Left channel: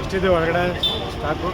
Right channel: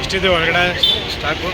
ಎಷ್ಟಿದೆ ಹೊರಗಡೆ stock?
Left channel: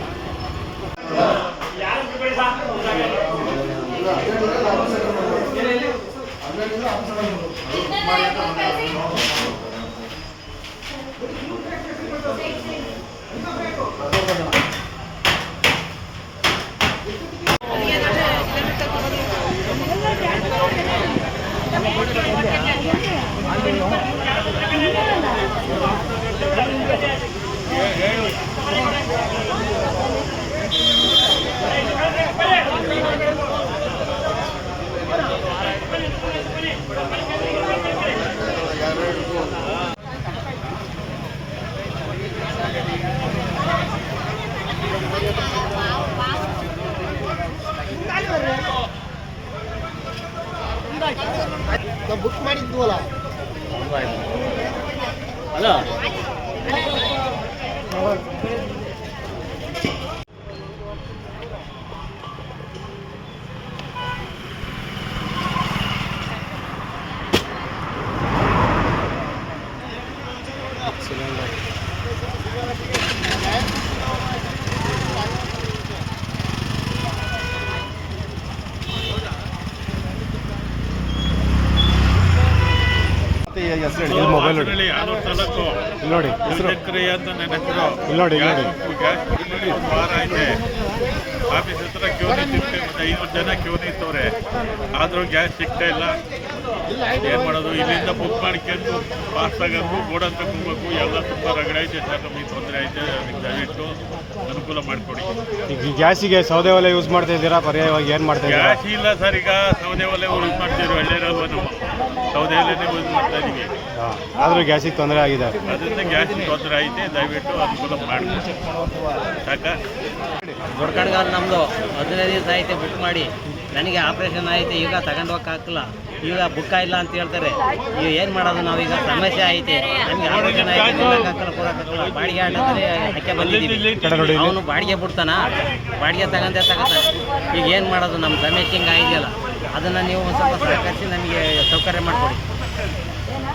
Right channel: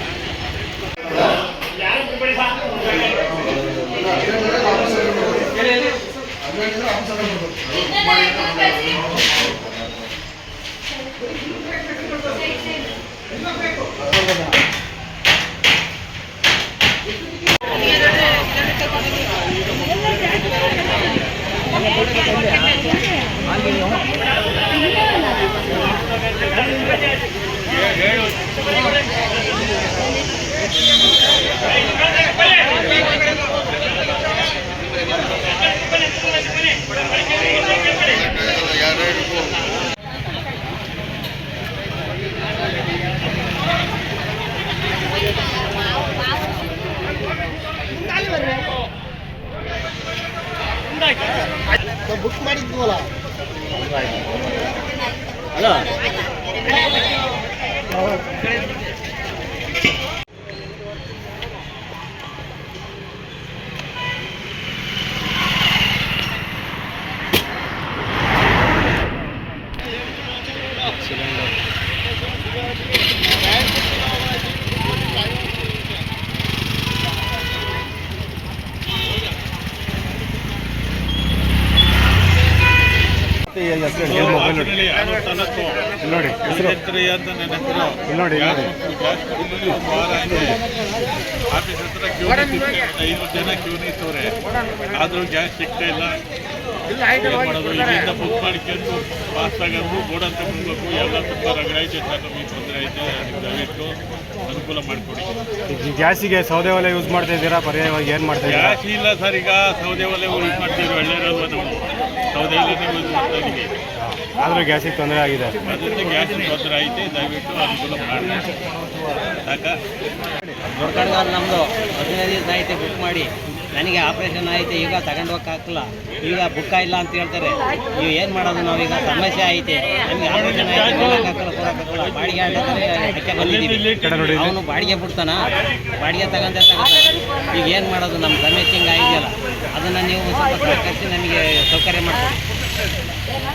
Book ಮಾಡಿದ್ವಲ್ಲ ನೋಡಿ ಒಂದು ವಾರ ಆಯ್ತು ಆಫೀಸ್ ಹತ್ರ ಕ್ಯೂ ನಿಂತಿದ್ದೆ, 500 ಜನ ಕ್ಯೂ ನಿಂತವ್ರೆ, ಆದರೂ ಗ್ಯಾಸ್ ಸಿಗ್ತಾ ಇಲ್ಲ. ಏನು ಮಾಡೋದು? ಇಲ್ಲಿಂದ ಬುಕ್ ಮಾಡ್ಕೊಂಡು ಪಾಸ್ ಆಗೋದು ಗೋಡನ್ ತಗೋಬೇಕು, ಎಲ್ಲ ತುಂಬ ರಗಡೆ ಐತೆ ಸರ್, ನಮಗೆ ತೊಂದರೆ ಐತೆ. ಅದಕ್ಕೆ ದಯವಿಟ್ಟು ಅನುಕೂಲ ಮಾಡಿಕೊಡಿ. ಈಗ ಗ್ಯಾಸಿಗೆ ಸೌದೆ ಒಲೆ ಯೂಸ್ ಮಾಡ್ತಾ ಇದ್ದೀರಾ? ಪರ್ಯಾಯವಾಗಿ ಏನು ಮಾಡ್ತಾ ಇದ್ದೀರಾ? ಗ್ಯಾಸ್ ಇಲ್ಲ ಸರ್, ಈಗ ಸೌದೆ ಒಲೆ ಯೂಸ್ ಮಾಡ್ತೀವಿ, ಹಳ್ಳಿರಲ್ವ ನಾವು ಸೌದೆ ಒಲೆನೇ ಯೂಸ್ ಮಾಡ್ತಾ ಇದ್ದೀವಿ. ಆದರೂ ಗ್ಯಾಸಿಗೆ ತೊಂದರೆ ಆಗಿದೆ, ಅದರಿಂದ ಗ್ಯಾಸಿಗೆ ತೊಂದರೆ ಐತೆ, ದಯವಿಟ್ಟು ಅನುಕೂಲ ಮಾಡಬೇಕು. ಸಾಕಾ? ದೊಡ್ಡ ಕಡೆಗಾಲ ನಮ್ಮದು 15 ದಿವಸ ಆಯಿತು ಬುಕ್ ಮಾಡಿ, ನನಗೆ ಆಪ್ರೇಷನ್ ಆಯಿತು, ಈಗ ತಗೊಂಡು ಹೋಗಕ್ಕಾಗಲ್ಲ, ಈಗ ಬುಕ್ಕ ಇಲ್ಲ ಅಂತ ಹೇಳ್ತಾರೆ. ಈಗ ಏನು ಮಾಡೋದು? ನಾವೀಗ ಸಮಸ್ಯೆ ಐತೆ, ನಮಗೆ ಆಪ್ರೇಷನ್ ಆಯಿತು, ಕೊಡೋಕ್ಕಾಗಲ್ಲ. ಬಾಡಿಗೆ ಆಟೋದ್ರೆ ಹಾಕಿ ಬಂದಿದ್ದೀವಿ, ಅವನು ಬಾಡಿಗೆ ಬಿಡ್ತಾನ, ಬಾಡಿಗೆ ತಗೊಂತಾನೆ. ಈಗ ಏನು ಮಾಡೋದು? ನಮ್ಮ ಸಮಸ್ಯೆ ಹಿಂಗೆ ಆಗಿದೆಯಲ್ಲ, ಅದನ್ನು ನೀವು ಸ್ವಲ್ಪ ಸಹಕರಿಸಿ ನಮಗೆ ಸೌಕರ್ಯ ಮಾಡಿಕೊಡಿ.